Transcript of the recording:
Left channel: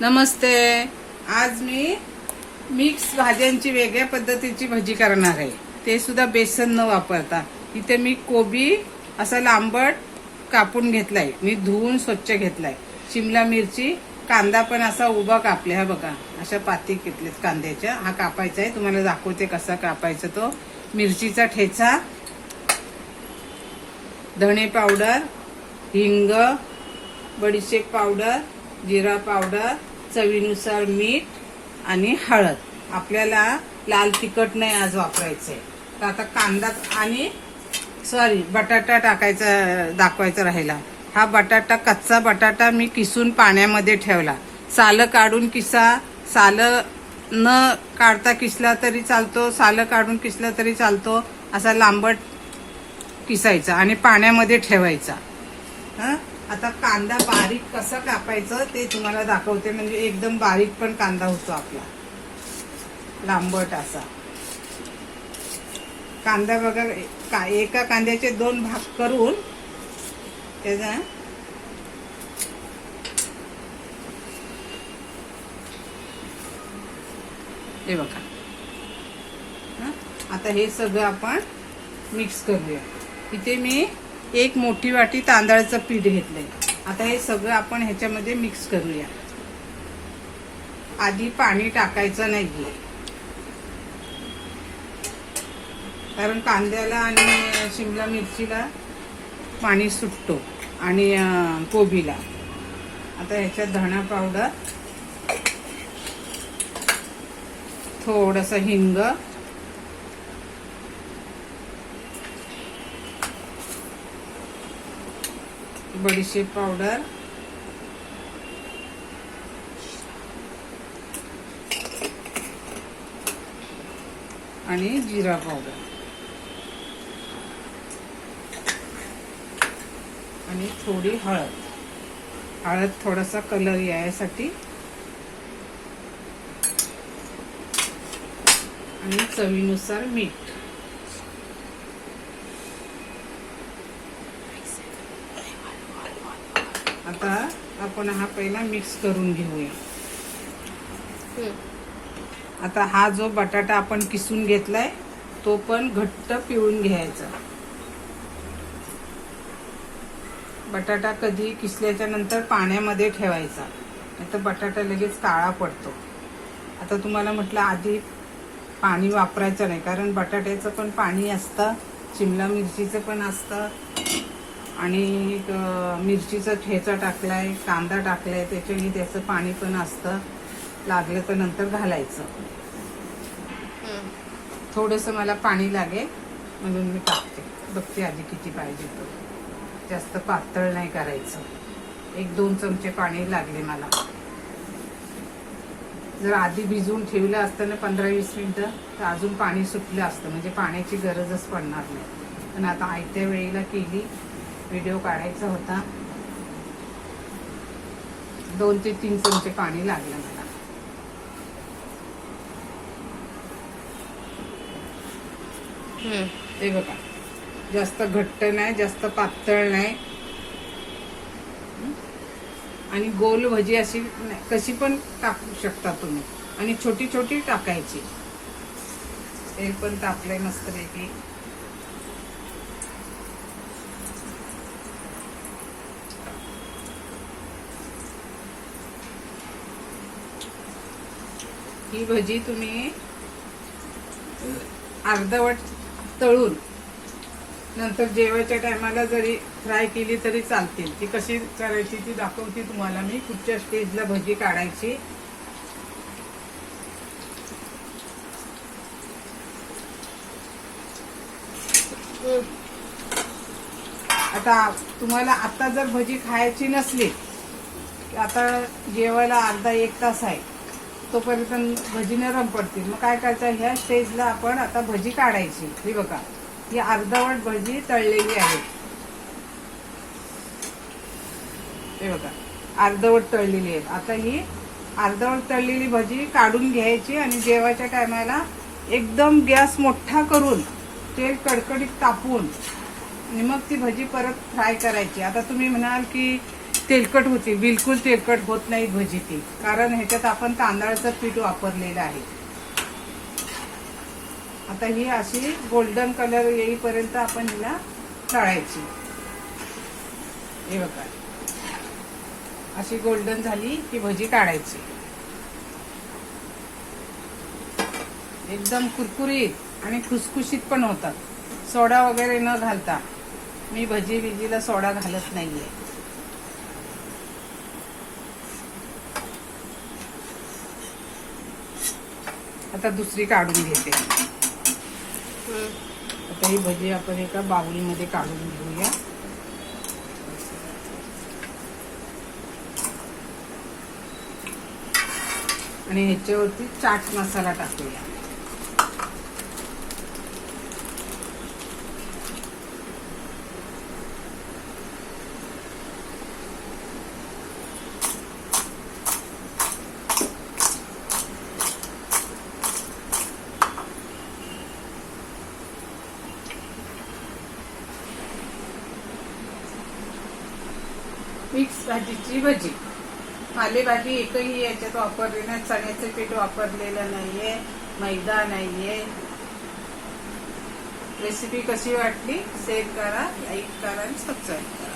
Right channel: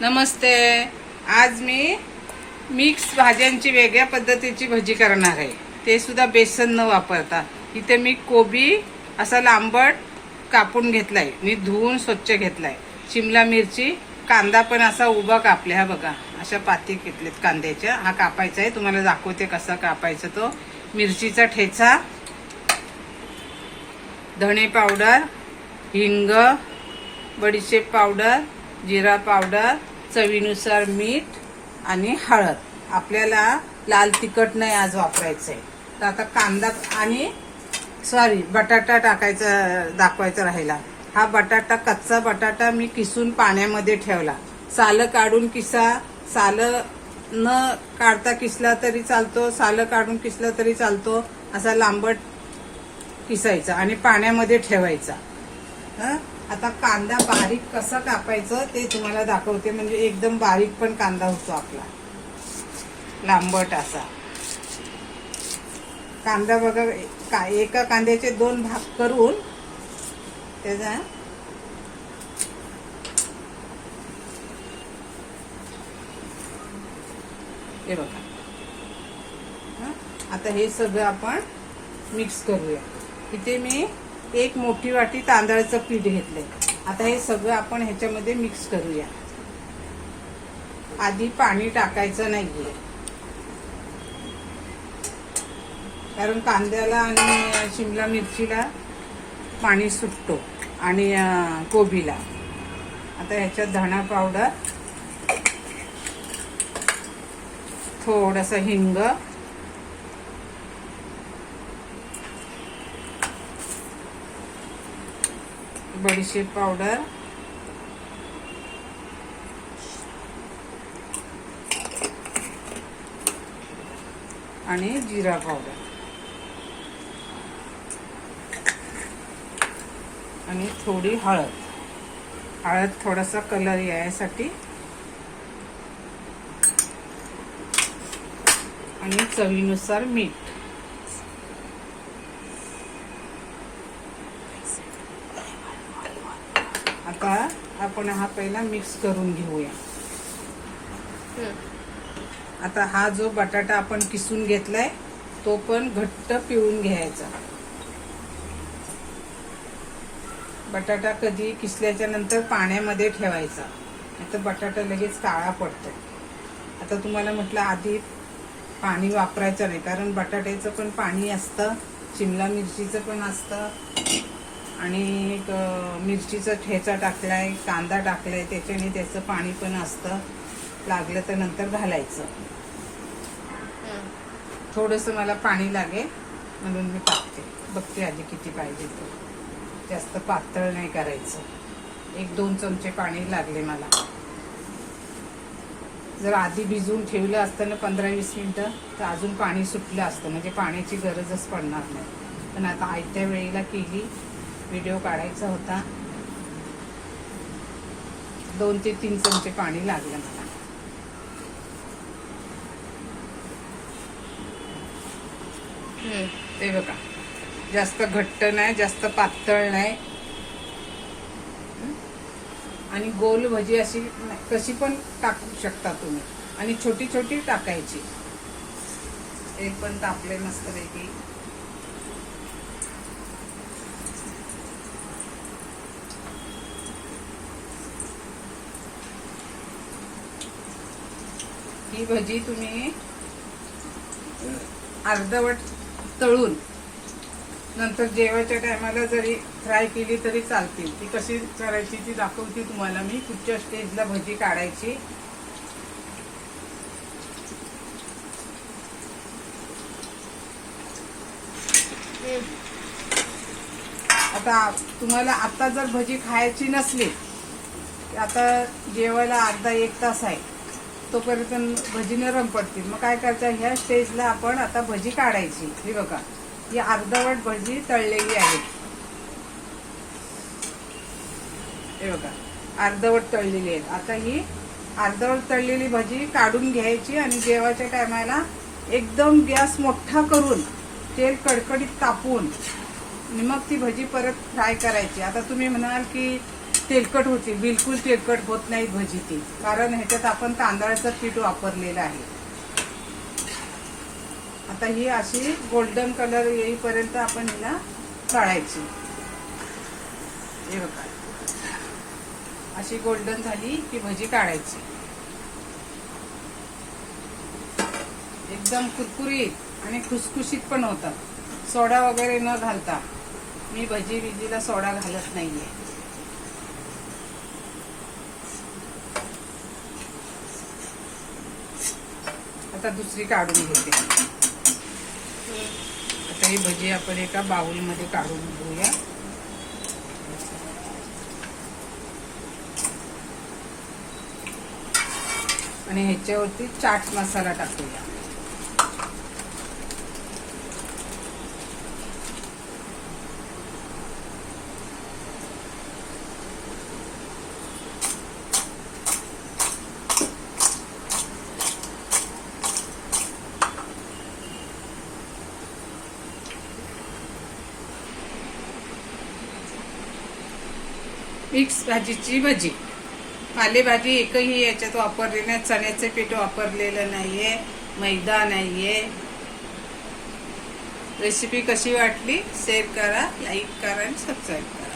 नमस्ते. आज मी मिक्स भाज्यांची वेगळ्या पद्धतीची भजी करणार आहे, ते सुद्धा बेसन न वापरता. इथे मी कोबी असा लांबट कापून घेतलाय, मी धुवून स्वच्छ घेतलाय. शिमला मिरची, कांदा पण असा उभा कापला. हा बघा, अशा पाती घेतलेत कांद्याच्या. हा कापायचा आहे, तुम्हाला दाखवते कसा कापायचा तो. मिरचीचा ठेचा, धणे पावडर, हिंग, बडीशेप पावडर, जिरा पावडर, चवीनुसार मीठ आणि हळद. आपल्याला लाल तिखट नाही आज वापरायचंय. तर आता कांदा आणि बटाटा टाकायचा, दाखवायचा राहिला. हा बटाटा, कच्चा बटाटा मी किसून पाण्यामध्ये ठेवला. सालं काढून किसा, सालं न काढता किसला तरी चालतो, सालं काढून किसला तरी चालतो. असा लांबट किसायचा आणि पाण्यामध्ये ठेवायचा. आता कांदा बारीक कसा कापायचं ते तुम्हाला दाखवते. म्हणजे एकदम बारीक पण कांदा होतो आपला, लांबट असा कांदा. बघा, एका कांद्याचे 2 भाग करून त्याचा हे बघा. आता हे सगळं आपण मिक्स करूया. इथे मी 1 मोठी वाटी तांदळाचं पीठ घेतलंय. आता हे सगळं आपण ह्याच्यामध्ये मिक्स करूया. आधी पाणी टाकायचं नाहीये, कारण कांद्याला आणि शिमला मिरचीला पाणी सुटतो आणि कोबीला. आता ह्याच्यात धणा पावडर, थोडंसं हिंग, बडीशेप पावडर, आणि जिरा पावडर आणि थोडी हळद. हळद थोडासा कलर यायसाठी आणि चवीनुसार मीठ. आता आपण हा पहिला मिक्स करून घेऊया. आता हा जो बटाटा आपण किसून घेतलाय तो पण घट्ट पिळून घ्यायचा. बटाटा कधी किसल्याच्या नंतर पाण्यामध्ये ठेवायचा, नाहीतर बटाटा लगेच काळा पडतो. आता तुम्हाला म्हटलं आधी पाणी वापरायचं नाही, कारण बटाट्याचं पण पाणी असतं, शिमला मिरचीचं पण असतं, आणि मिरचीचा ठेचा टाकलाय, कांदा टाकलाय, त्याच्याने त्याचं पाणी पण असतं. लागलं तर नंतर घालायचं. थोडंसं मला पाणी लागेल म्हणून मी टाकते. बघते आधी किती पाहिजे ते. जास्त पातळ नाही करायचं. 1-2 चमचे पाणी लागले मला. जर आधी भिजवून ठेवलं असतं ना 15-20 मिनिटं, तर अजून पाणी सुटलं असतं, म्हणजे पाण्याची गरजच पडणार नाही. पण आता आयत्या वेळेला केली, व्हिडिओ काढायचा होता. 2 ते 3 चमचे पाणी लागलं मला. ते बघा, जास्त घट्ट नाही, जास्त पातळ नाही, आणि गोल भजी अशी कशी पण टाकू शकता तुम्ही, आणि छोटी छोटी टाकायची. हे पण टाकले मस्तपैकी. ही भजी तुम्ही अर्धवट तळून नंतर जेवायच्या टायमाला जरी फ्राय केली तरी चालतील. ती कशी करायची ती दाखवते तुम्हाला मी. कुठच्या स्टेजला भजी काढायची. आता तुम्हाला आता जर भजी खायची नसली, आता जेवायला अर्धा 1 तास आहे, तोपर्यंत भजी नरम पडतील. मग काय करायचं, ह्या स्टेजला आपण आता भजी काढायची. ही बघा, ही अर्धवट भजी तळलेली आहे. हे बघा, अर्धवट तळलेली आहे. आता ही अर्धवट तळलेली भजी काढून घ्यायची आणि जेवायच्या टायमाला एकदम गॅस मोठा करून तेल कडकडीत तापवून मग ती भजी परत फ्राय करायची. आता तुम्ही म्हणाल की तेलकट होती, बिलकुल तेलकट होत नाही भजी ती, कारण ह्याच्यात आपण तांदळाचं पीठ वापरलेलं आहे. आता ही अशी गोल्डन कलर येईपर्यंत आपण हिला तळायची. हे बघा, अशी गोल्डन झाली की भजी काढायची. एकदम कुरकुरीत आणि खुसखुशीत पण होतात, सोडा वगैरे न घालता. मी भजीला सोडा घालत नाहीये. आता दुसरी काढून घेते. आता ही भजी आपण एका बाउलमध्ये काढून घेऊया. आणि ह्याच्यावरती चाट मसाला टाकूया. मिक्स भाजीची भजी. पालेभाजी एकही याच्यात वापरली नाही, चण्याचे पीठ वापरलेलं नाहीये, मैदा नाहीये. रेसिपी कशी वाटली शेअर करा, लाईक करा आणि सबस्क्राईब करा.